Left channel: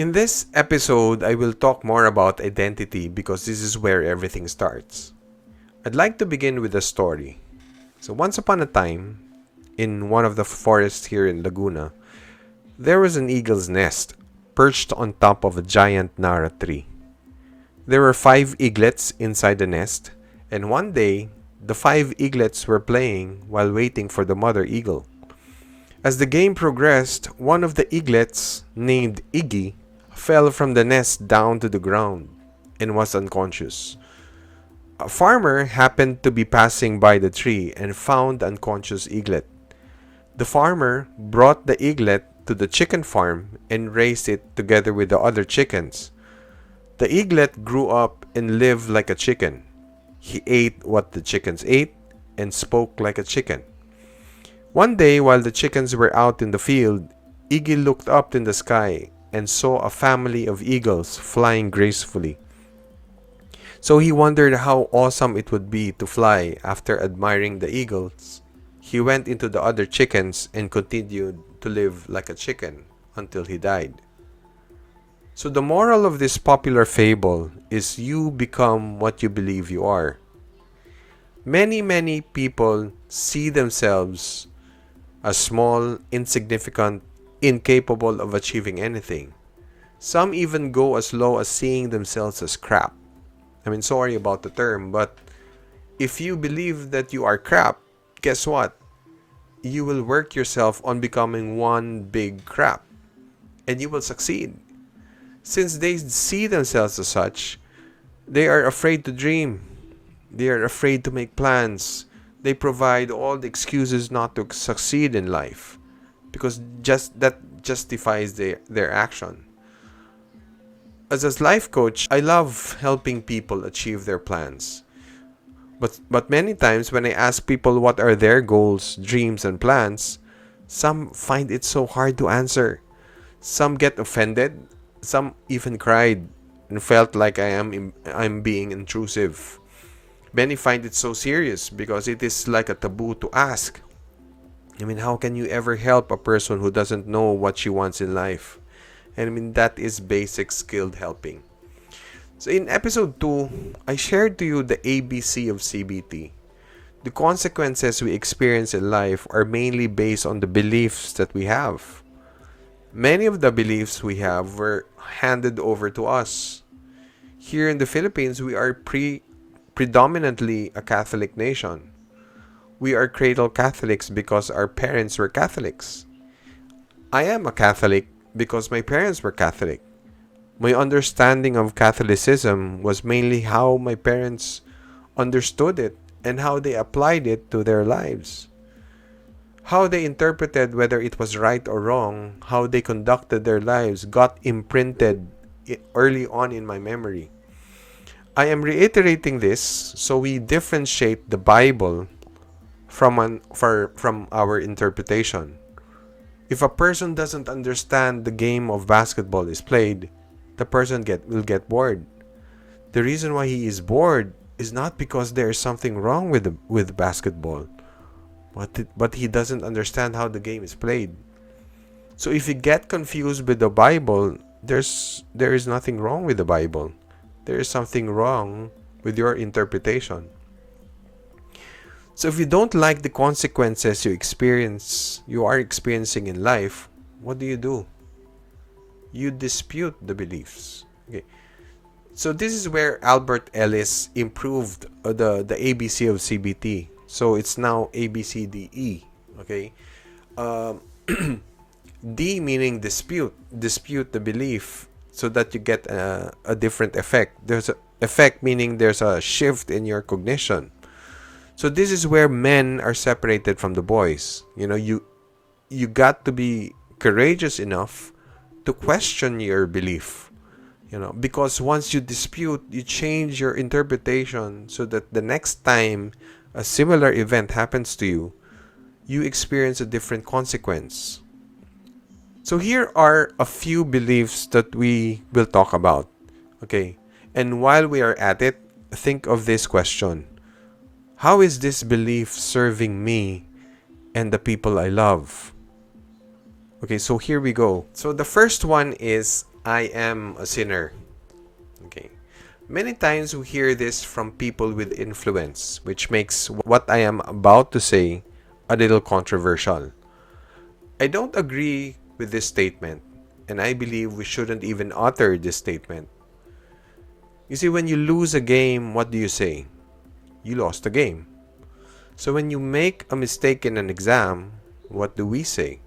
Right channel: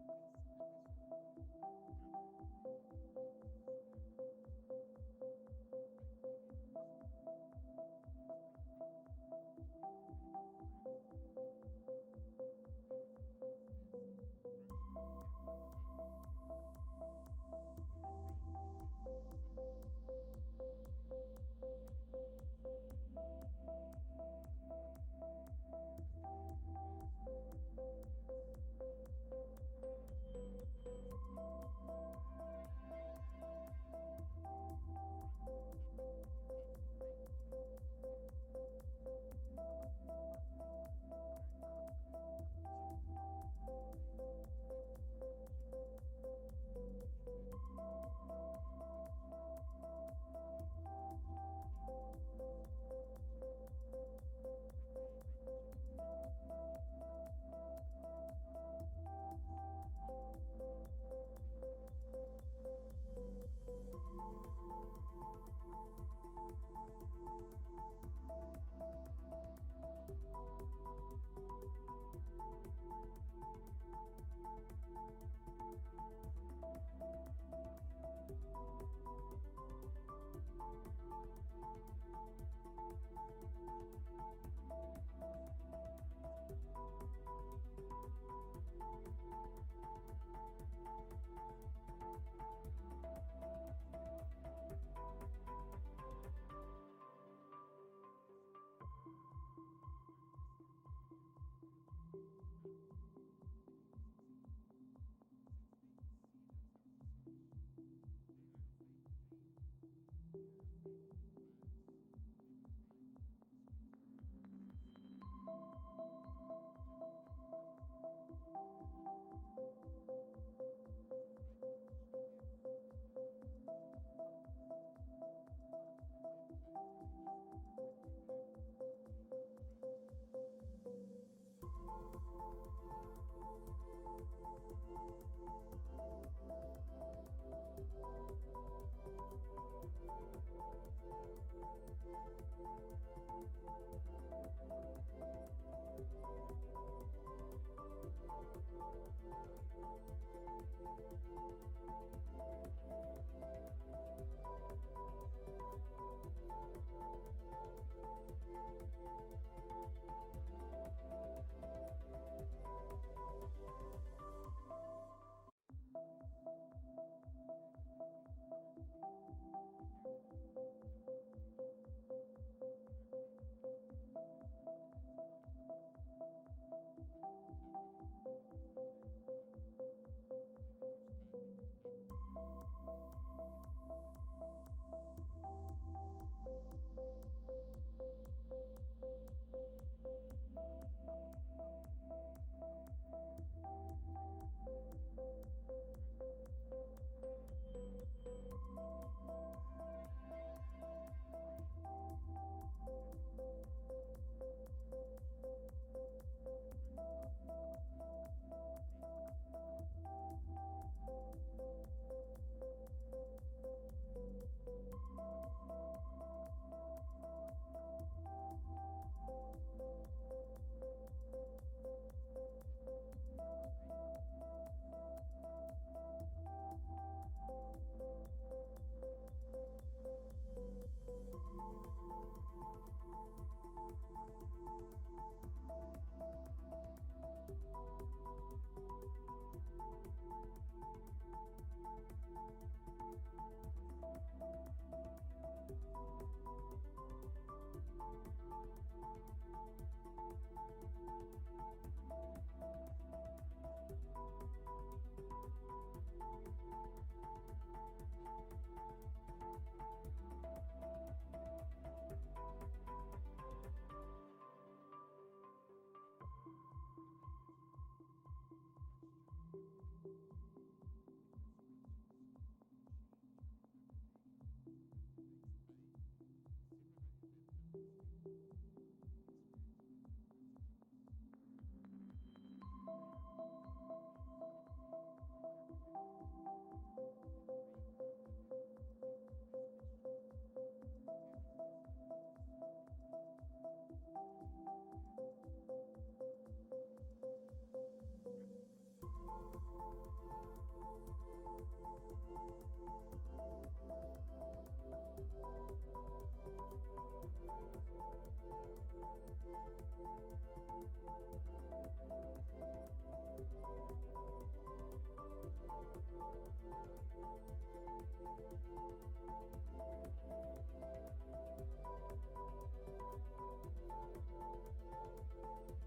In this episode, I will talk more about identity because this is where everything starts. I'd like to begin with a story. So, once upon a time, in one of the forests here in Laguna, there was an eagle's nest perched on top of a giant Nara tree. There were 5 eaglets inside the nest, and one day, the 5 eaglets were playing while waiting for the mother eagle. As the game progressed, one of the eaglets, named Iggy, fell from the nest down to the ground and was unconscious. A farmer happened to be passing by the tree and found the unconscious eaglet. The farmer brought the eaglet to the chicken farm and raised it together with the other chickens. The eaglet grew up and lived like a chicken. He ate what the chickens ate and spoke like a chicken. One day, while the chickens were out in the field, Iggy looked up in the sky and saw a family of eagles flying gracefully. So he wondered how awesome it would be to fly. After admiring the eagles, he went into the other chickens and continued to live like a chicken until he died. So the moral of this popular fable is you become what you believe you are. Many people see themselves as small, insignificant, incapable of achieving anything. Some even go as low as seeing themselves as crap. Sorry about the term, but if you believe that you are crap, guess what? You will work yourself on becoming one big crap, and you will succeed. Since they see themselves as such, they are afraid to dream. They are afraid to make plans. They provide all the excuses not to succeed in life because just that justifies their action. As a life coach, I love helping people achieve their plans. But many times when I ask people what are their goals, dreams, and plans, some find it so hard to answer. Some get offended, some even cried and felt like I'm being intrusive. Many find it so serious because it is like a taboo to ask. How can you ever help a person who doesn't know what she wants in life? And that is basic skilled helping. So in episode 2, I shared to you the ABC of CBT. The consequences we experience in life are mainly based on the beliefs that we have. Many of the beliefs we have were handed over to us. Here in the Philippines, we are predominantly a Catholic nation. We are cradle Catholics because our parents were Catholics. I am a Catholic because my parents were Catholic. My understanding of Catholicism was mainly how my parents understood it and how they applied it to their lives. How they interpreted whether it was right or wrong, how they conducted their lives got imprinted early on in my memory. I am reiterating this so we differentiate the Bible from our interpretation. If a person doesn't understand the game of basketball is played, the person will get bored. The reason why he is bored is not because there is something wrong with basketball, but he doesn't understand how the game is played. So if you get confused with the Bible, there is nothing wrong with the Bible. There is something wrong with your interpretation. So if you don't like the consequences you are experiencing in life, what do? You dispute the beliefs. Okay. So this is where Albert Ellis improved the ABC of CBT. So it's now ABCDE. Okay. D meaning dispute the belief so that you get a different effect. There's an effect meaning there's a shift in your cognition. So this is where men are separated from the boys. You got to be courageous enough to question your belief. Because once you dispute, you change your interpretation so that the next time a similar event happens to you, you experience a different consequence. So here are a few beliefs that we will talk about. Okay. And while we are at it, think of this question. How is this belief serving me and the people I love? Okay, so here we go. So the first one is, I am a sinner. Okay. Many times we hear this from people with influence, which makes what I am about to say a little controversial. I don't agree with this statement, and I believe we shouldn't even utter this statement. You see, when you lose a game, what do you say? You lost the game. So when you make a mistake in an exam, what do we say?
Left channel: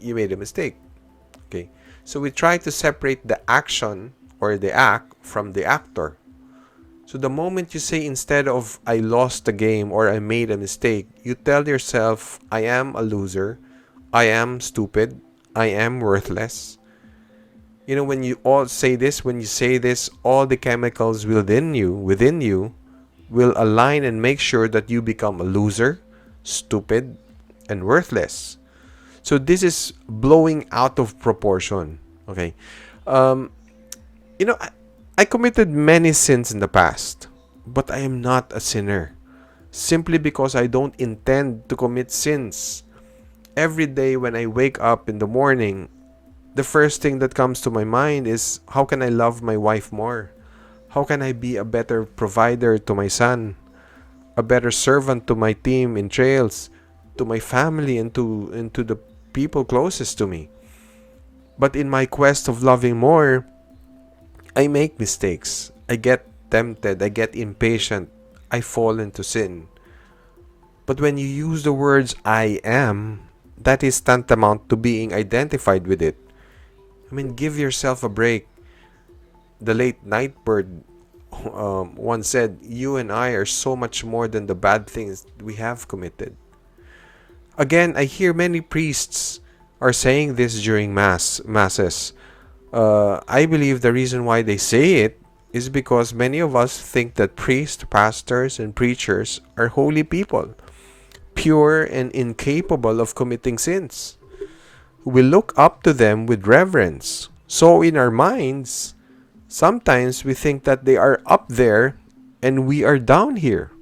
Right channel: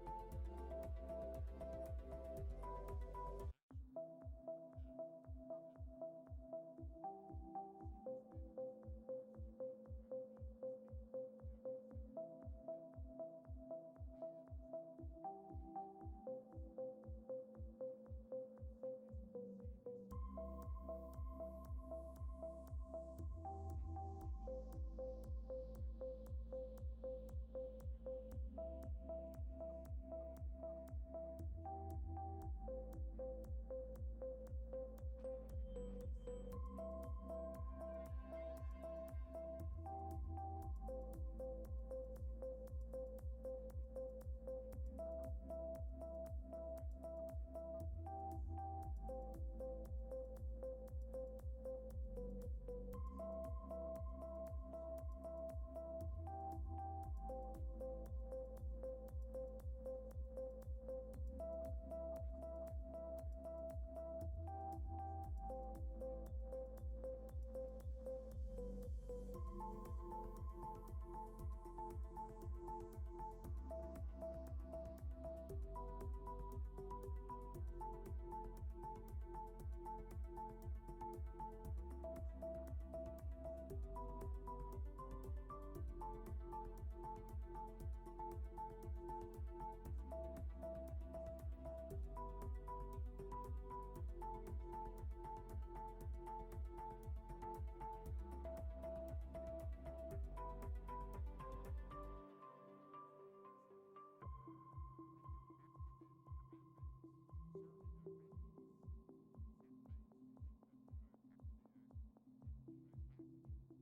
You made a mistake. Okay. So we try to separate the action or the act from the actor. So the moment you say, instead of I lost the game or I made a mistake, you tell yourself, I am a loser, I am stupid, I am worthless. You know, when you all say this, when you say this, all the chemicals within you will align and make sure that you become a loser, stupid, and worthless. So this is blowing out of proportion. Okay. Um, I committed many sins in the past, but I am not a sinner. Simply because I don't intend to commit sins. Every day when I wake up in the morning, the first thing that comes to my mind is, how can I love my wife more? How can I be a better provider to my son? A better servant to my team in trails, to my family, and to the people closest to me. But in my quest of loving more, I make mistakes. I get tempted. I get impatient. I fall into sin. But when you use the words I am, that is tantamount to being identified with it. I mean, give yourself a break. The late Nightbird once said, you and I are so much more than the bad things we have committed. Again, I hear many priests are saying this during masses. I believe the reason why they say it is because many of us think that priests, pastors, and preachers are holy people, pure and incapable of committing sins. We look up to them with reverence. So in our minds, sometimes we think that they are up there and we are down here.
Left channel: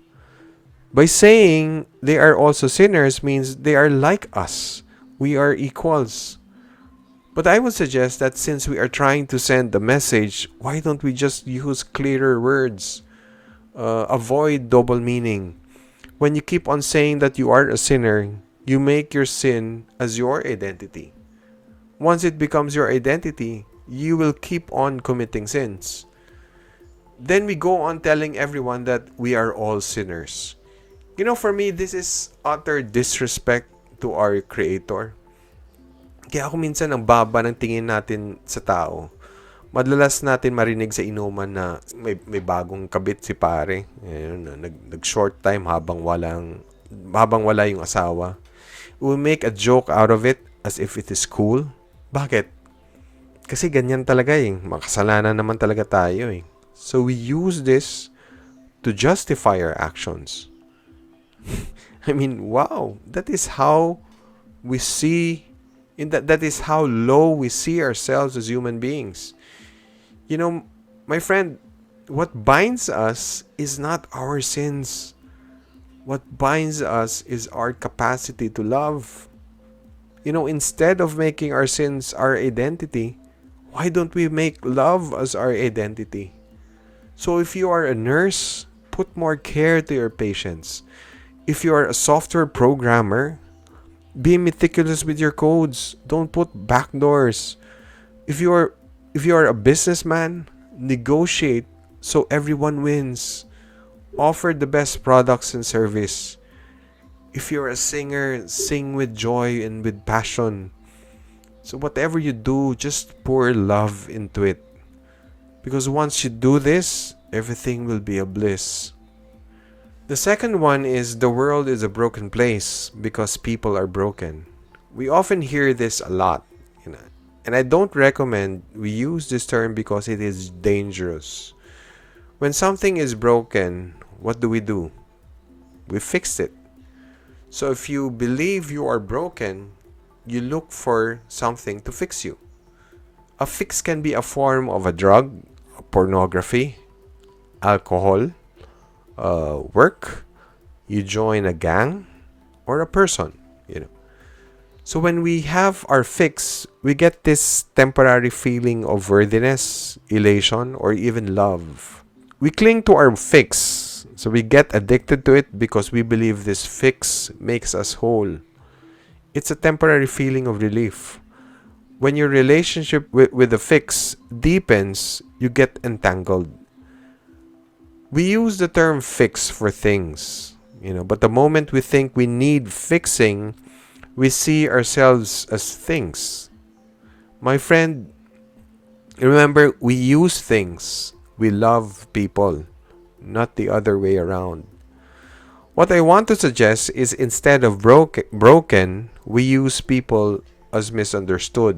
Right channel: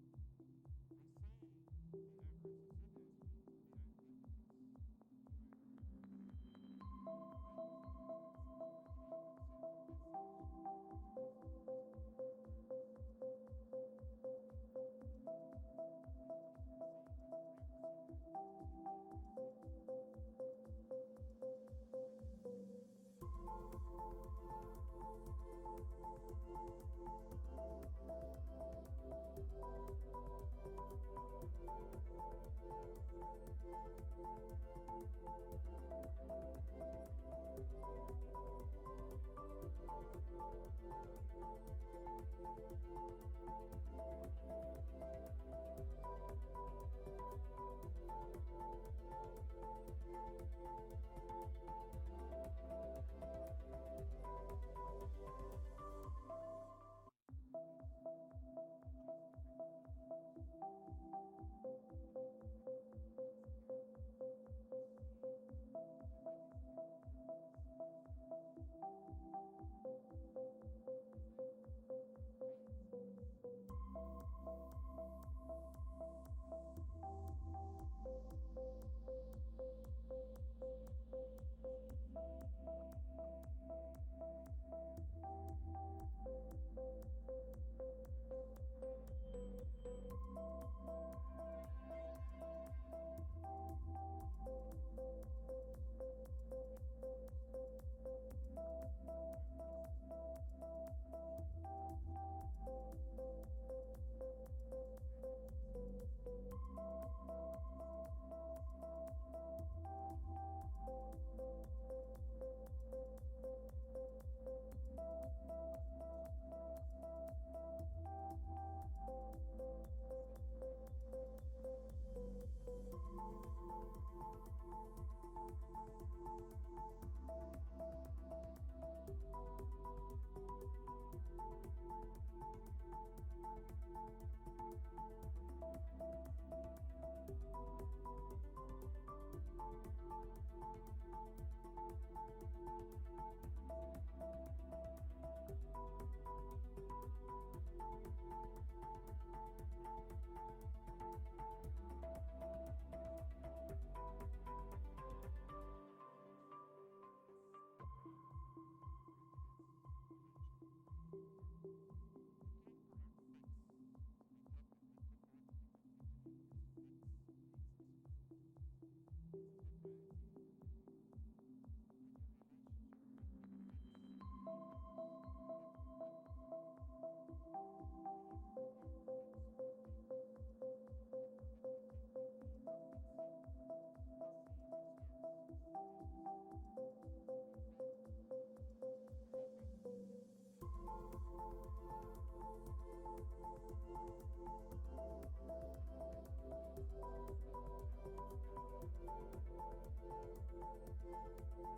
By saying they are also sinners means they are like us. We are equals. But I would suggest that since we are trying to send the message, why don't we just use clearer words? Avoid double meaning. When you keep on saying that you are a sinner, you make your sin as your identity. Once it becomes your identity, you will keep on committing sins. Then we go on telling everyone that we are all sinners. You know, for me, this is utter disrespect to our Creator. Kaya ako minsan ang baba ng tingin natin sa tao. Madalas natin marinig sa inuman na may bagong kabit si pare. Nag-short time habang wala yung asawa. We make a joke out of it as if it is cool. Bakit? Kasi ganyan talaga eh. Makasalanan naman talaga tayo eh. So we use this to justify our actions. I mean, wow. That is how we see, that is how low we see ourselves as human beings. You know, my friend, what binds us is not our sins. What binds us is our capacity to love. You know, instead of making our sins our identity, why don't we make love as our identity? So if you are a nurse, put more care to your patients. If you are a software programmer, be meticulous with your codes. Don't put backdoors. If you are a businessman, negotiate so everyone wins. Offer the best products and service. If you're a singer, sing with joy and with passion. So whatever you do, just pour love into it. Because once you do this, everything will be a bliss. The second one is, the world is a broken place because people are broken. We often hear this a lot, and I don't recommend we use this term because it is dangerous. When something is broken, what do? We fix it. So if you believe you are broken, you look for something to fix you. A fix can be a form of a drug, pornography, alcohol, work, you join a gang, or a person. So when we have our fix, we get this temporary feeling of worthiness, elation, or even love. We cling to our fix. So we get addicted to it because we believe this fix makes us whole. It's a temporary feeling of relief. When your relationship with the fix deepens, you get entangled. We use the term fix for things, but the moment we think we need fixing, we see ourselves as things. My friend, remember, we use things. We love people, not the other way around. What I want to suggest is instead of broken, we use people as misunderstood.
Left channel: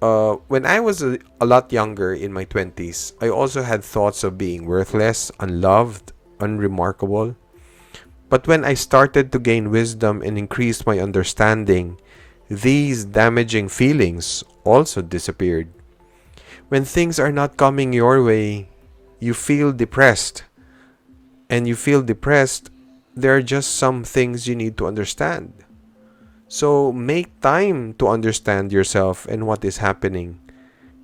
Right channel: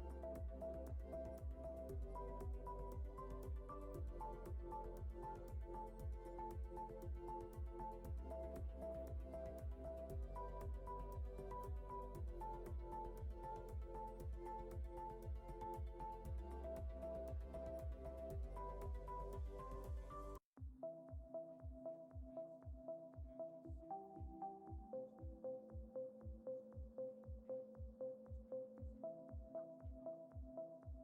When I was a lot younger in my 20s, I also had thoughts of being worthless, unloved, unremarkable. But when I started to gain wisdom and increase my understanding, these damaging feelings also disappeared. When things are not coming your way, you feel depressed. And you feel depressed, there are just some things you need to understand. So make time to understand yourself and what is happening.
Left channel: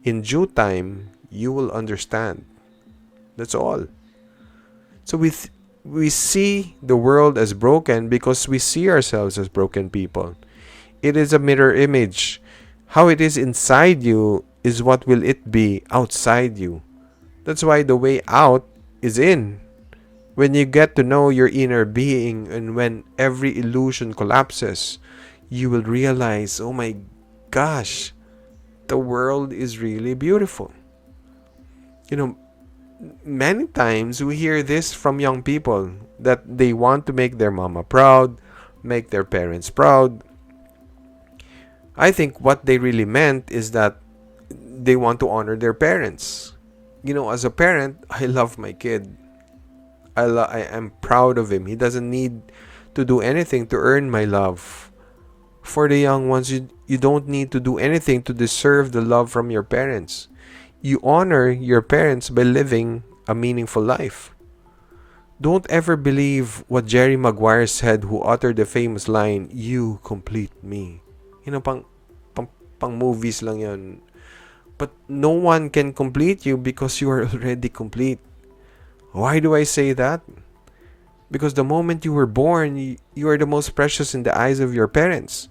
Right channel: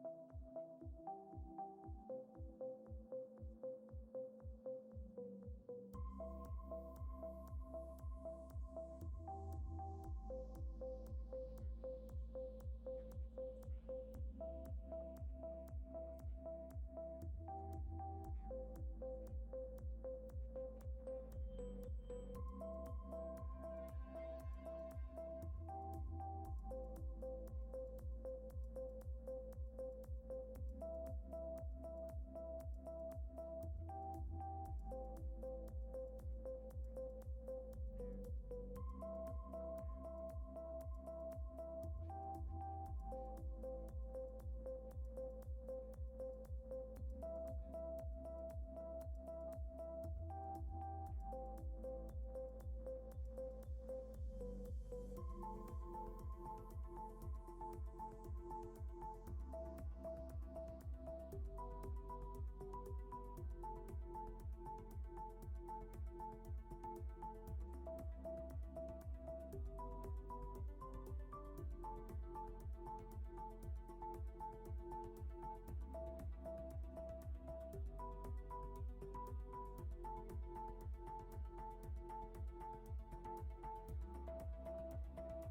In due time, you will understand. That's all. So we see the world as broken because we see ourselves as broken people. It is a mirror image. How it is inside you is what will it be outside you. That's why the way out is in. When you get to know your inner being and when every illusion collapses, you will realize, oh my gosh, the world is really beautiful. Many times we hear this from young people that they want to make their mama proud, make their parents proud. I think what they really meant is that they want to honor their parents. As a parent, I love my kid. I am proud of him. He doesn't need to do anything to earn my love. For the young ones, you don't need to do anything to deserve the love from your parents. You honor your parents by living a meaningful life. Don't ever believe what Jerry Maguire said, who uttered the famous line, "You complete me." Pang movies lang yan. But no one can complete you because you are already complete. Why do I say that? Because the moment you were born, you are the most precious in the eyes of your parents.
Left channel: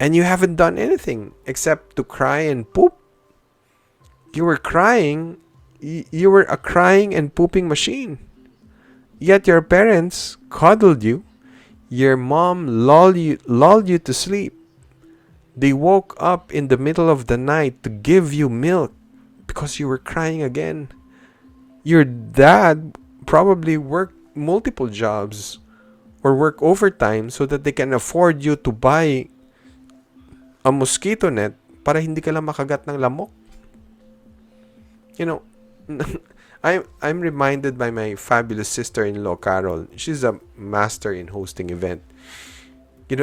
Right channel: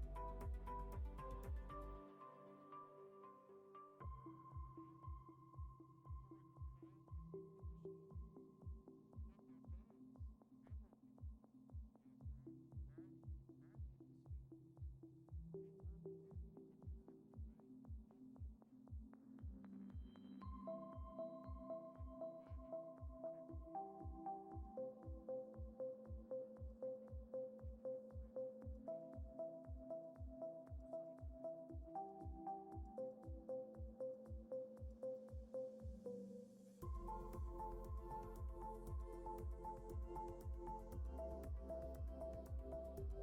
And you haven't done anything except to cry and poop. You were crying. You were a crying and pooping machine. Yet your parents cuddled you. Your mom lulled you to sleep. They woke up in the middle of the night to give you milk because you were crying again. Your dad probably worked multiple jobs or work overtime so that they can afford you to buy a mosquito net para hindi ka lang makagat ng lamok. I'm reminded by my fabulous sister-in-law, Carol. She's a master in hosting event.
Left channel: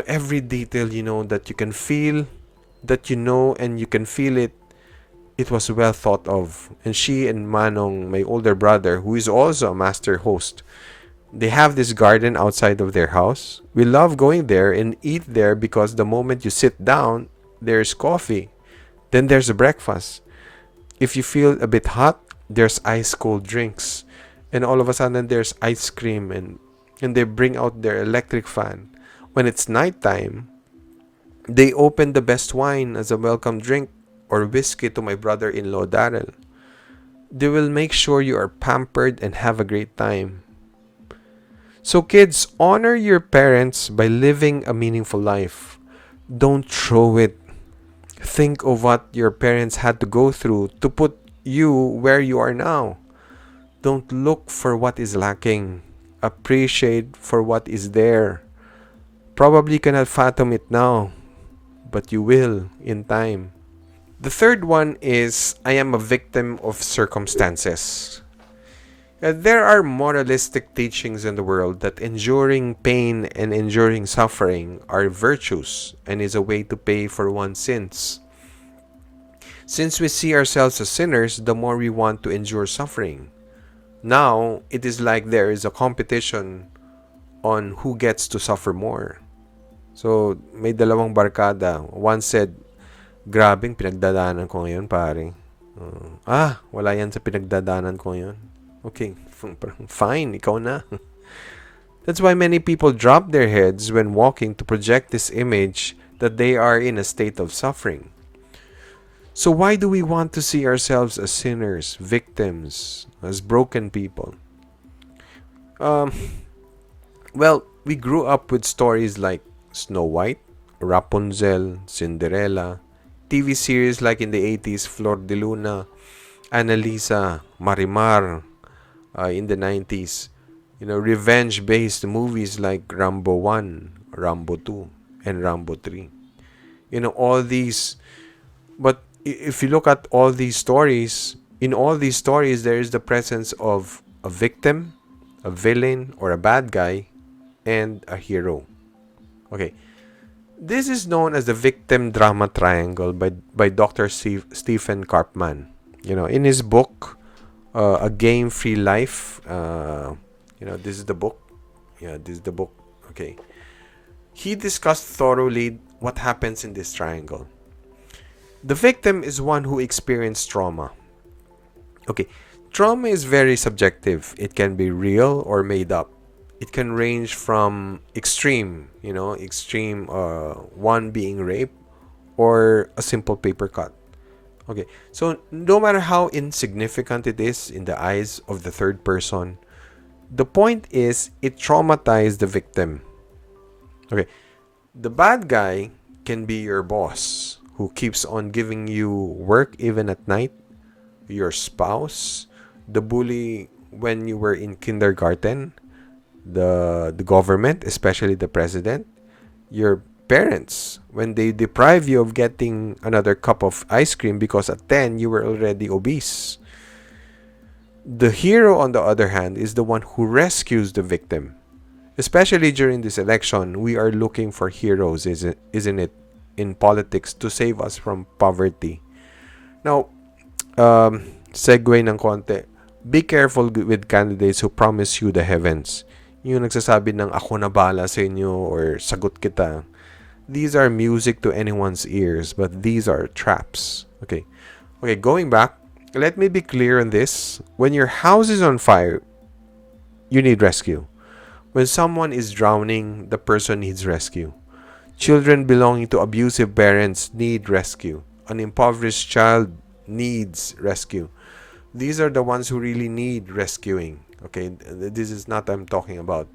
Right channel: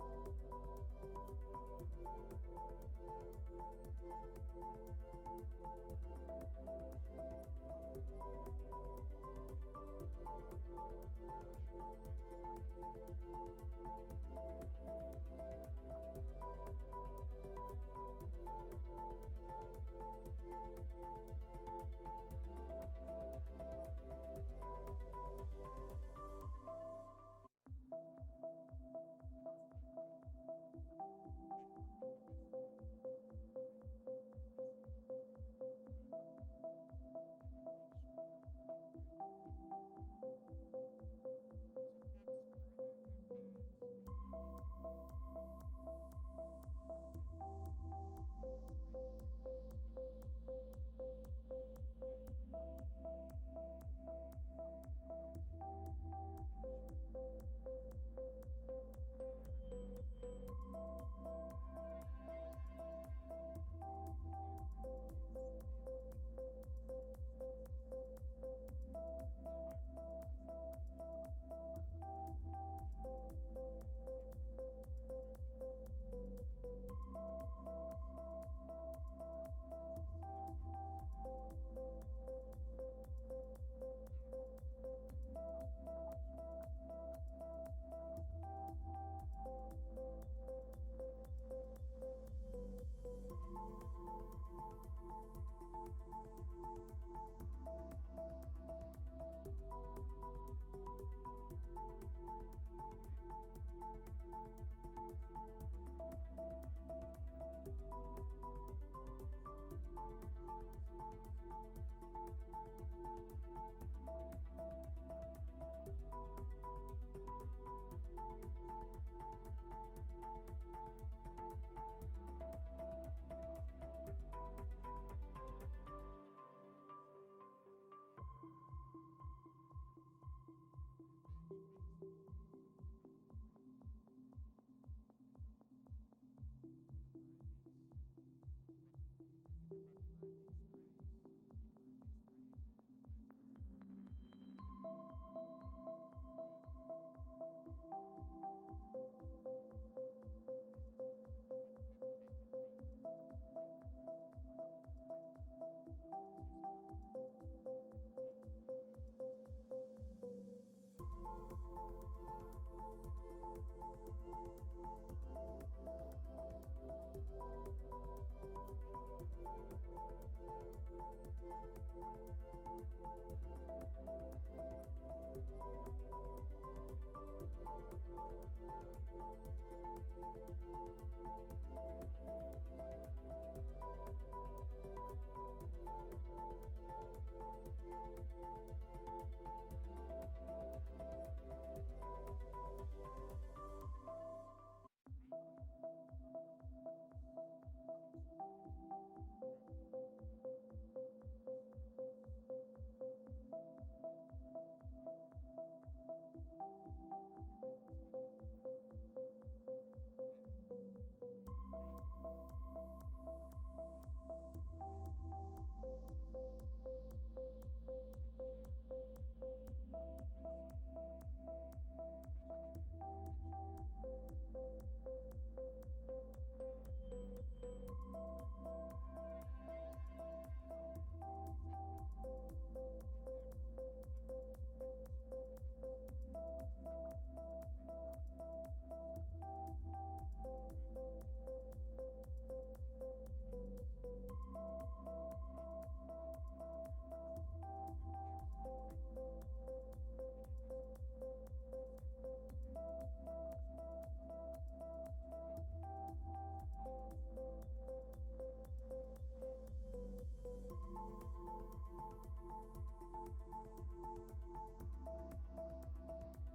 Every detail, that you can feel, that and you can feel it, it was well thought of. And she and Manong, my older brother, who is also a master host, they have this garden outside of their house. We love going there and eat there because the moment you sit down, there's coffee. Then there's a breakfast. If you feel a bit hot, there's ice cold drinks. And all of a sudden, there's ice cream and they bring out their electric fan. When it's nighttime, they open the best wine as a welcome drink or whiskey to my brother-in-law, Daryl. They will make sure you are pampered and have a great time. So kids, honor your parents by living a meaningful life. Don't throw it. Think of what your parents had to go through to put you where you are now. Don't look for what is lacking. Appreciate for what is there. Probably cannot fathom it now, but you will in time. The third one is, I am a victim of circumstances. There are moralistic teachings in the world that enduring pain and enduring suffering are virtues and is a way to pay for one's sins. Since we see ourselves as sinners, the more we want to endure suffering. Now, it is like there is a competition on who gets to suffer more. So, may dalawang barkada. One said, grabing pinagdadaanan ko ngayon, pare. Wala yan sa pinagdadaanan ko ngayon. Okay, fine, ikaw na. That's why many people drop their heads when walking to project this image that they are in a state of suffering. So why do we want to see ourselves as sinners, victims, as broken people? Well, we grew up with stories like Snow White, Rapunzel, Cinderella, TV series like in the 80s, Flor de Luna, Annalisa, Marimar in the 90s. Revenge-based movies like Rambo 1, Rambo 2, and Rambo 3. All these. But if you look at all these stories, in all these stories, there is the presence of a victim, a villain, or a bad guy, and a hero. Okay. This is known as the victim drama triangle by Dr. Stephen Karpman. In his book, A Game Free Life, this is the book. Yeah, this is the book. Okay. He discussed thoroughly what happens in this triangle. The victim is one who experienced trauma. Okay. Trauma is very subjective. It can be real or made up. It can range from extreme, one being rape or a simple paper cut. Okay, so no matter how insignificant it is in the eyes of the third person, the point is it traumatized the victim. Okay, the bad guy can be your boss who keeps on giving you work even at night, your spouse, the bully when you were in kindergarten, the government, especially the president, your parents, when they deprive you of getting another cup of ice cream because at 10 you were already obese. The hero, on the other hand, is the one who rescues the victim. Especially during this election, we are looking for heroes, isn't it, in politics to save us from poverty. Now, segue ng konti. Be careful with candidates who promise you the heavens. Yung nagsasabi ng ako na bala sa inyo or sagot kita. These are music to anyone's ears, but these are traps. Okay, going back, let me be clear on this. When your house is on fire, you need rescue. When someone is drowning, the person needs rescue. Children belonging to abusive parents need rescue. An impoverished child needs rescue. These are the ones who really need rescuing. Okay, this is not what I'm talking about.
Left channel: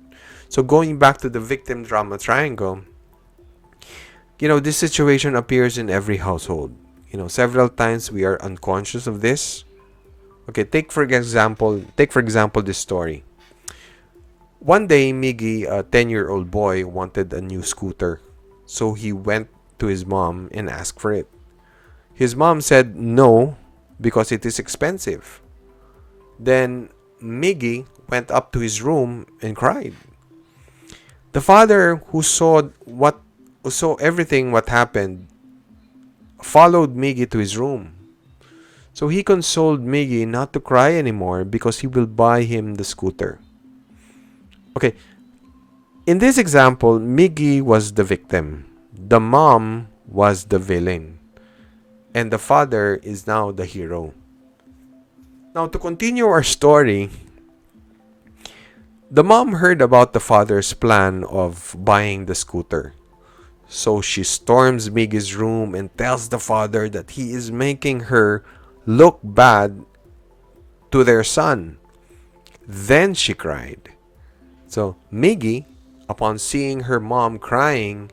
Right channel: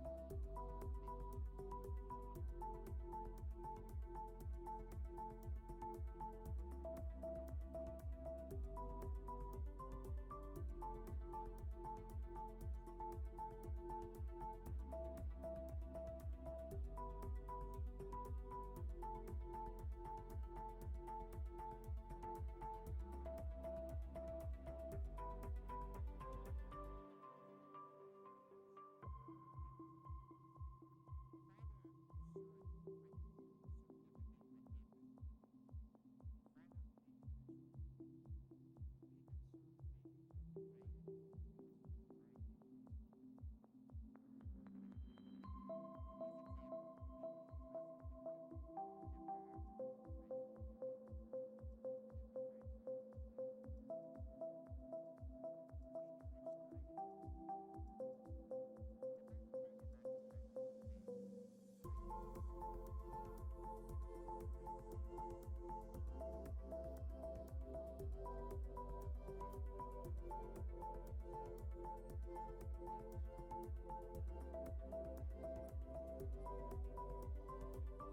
So going back to the victim drama triangle, this situation appears in every household. Several times we are unconscious of this. Okay, take for example this story. One day, Miggy, a 10-year-old boy, wanted a new scooter. So he went to his mom and asked for it. His mom said no because it is expensive. Then Miggy went up to his room and cried. The father, who saw everything what happened, followed Miggy to his room. So he consoled Miggy not to cry anymore because he will buy him the scooter. Okay, in this example, Miggy was the victim. The mom was the villain. And the father is now the hero. Now, to continue our story, the mom heard about the father's plan of buying the scooter. So she storms Miggy's room and tells the father that he is making her look bad to their son. Then she cried. So Miggy, upon seeing her mom crying,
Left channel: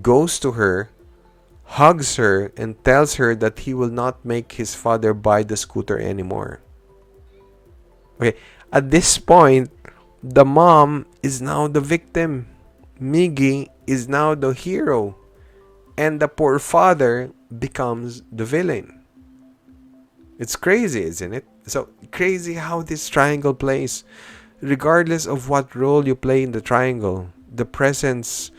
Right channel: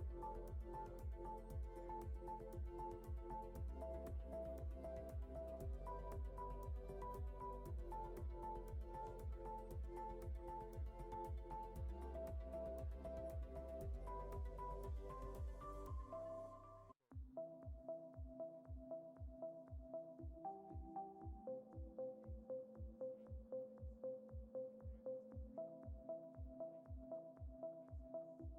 goes to her, hugs her, and tells her that he will not make his father buy the scooter anymore. Okay, at this point, the mom is now the victim. Miggy is now the hero. And the poor father becomes the villain. It's crazy, isn't it? So crazy how this triangle plays. Regardless of what role you play in the triangle, the presence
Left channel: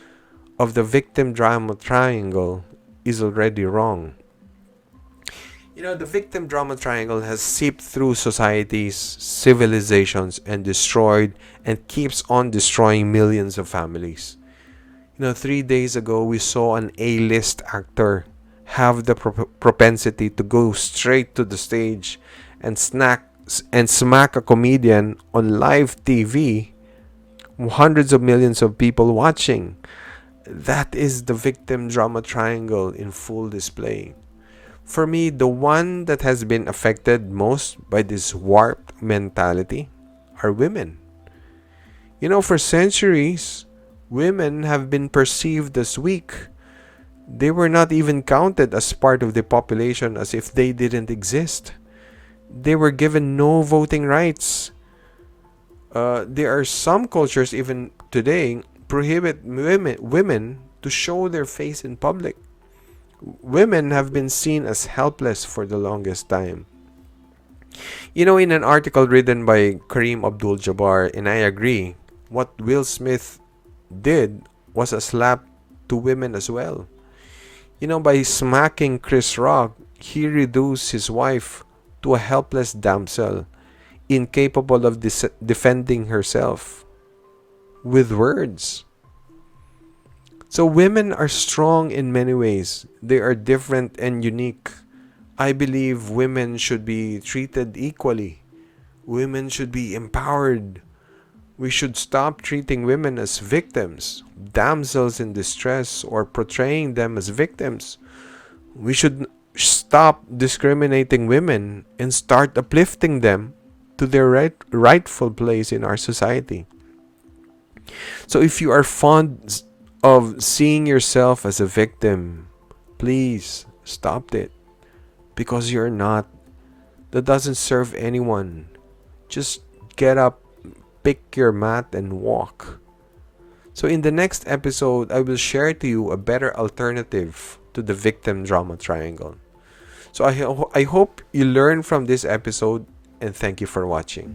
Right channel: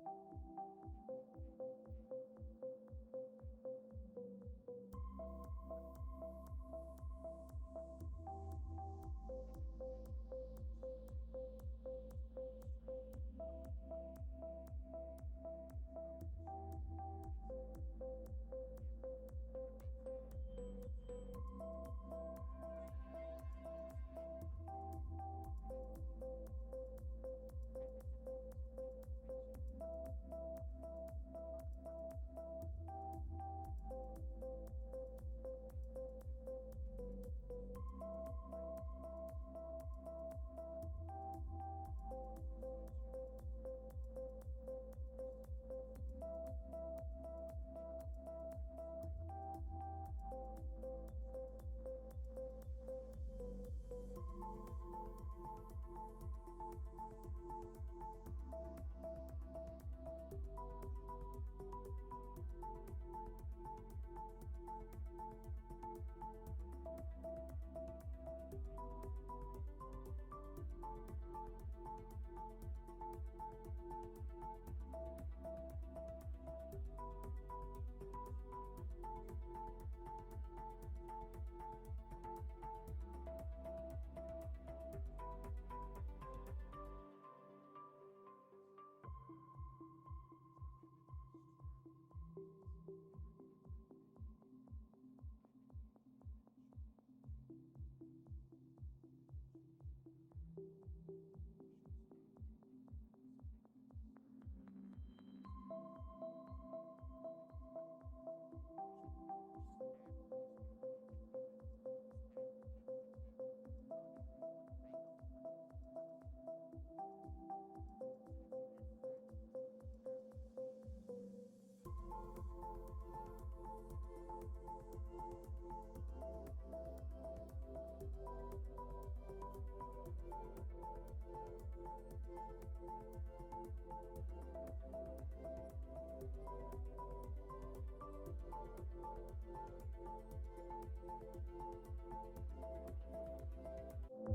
of the victim drama triangle is already wrong. The victim drama triangle has seeped through societies, civilizations, and destroyed and keeps on destroying millions of families. 3 days ago, we saw an A-list actor have the propensity to go straight to the stage and smack a comedian on live TV, hundreds of millions of people watching. That is the victim drama triangle in full display. For me, the one that has been affected most by this warped mentality are women. For centuries, women have been perceived as weak. They were not even counted as part of the population, as if they didn't exist. They were given no voting rights. There are some cultures even today prohibit women to show their face in public. Women have been seen as helpless for the longest time. In an article written by Kareem Abdul-Jabbar, and I agree, what Will Smith did was a slap to women as well. By smacking Chris Rock, he reduced his wife to a helpless damsel, incapable of defending herself with words. So women are strong in many ways. They are different and unique. I believe women should be treated equally. Women should be empowered. We should stop treating women as victims, damsels in distress, or portraying them as victims. We should stop discriminating women and start uplifting them to their rightful place in our society. So if you are fond of seeing yourself as a victim, please stop it. Because you're not. That doesn't serve anyone. Just get up, pick your mat, and walk. So in the next episode, I will share to you a better alternative to the victim drama triangle. So I hope you learn from this episode, and thank you for watching.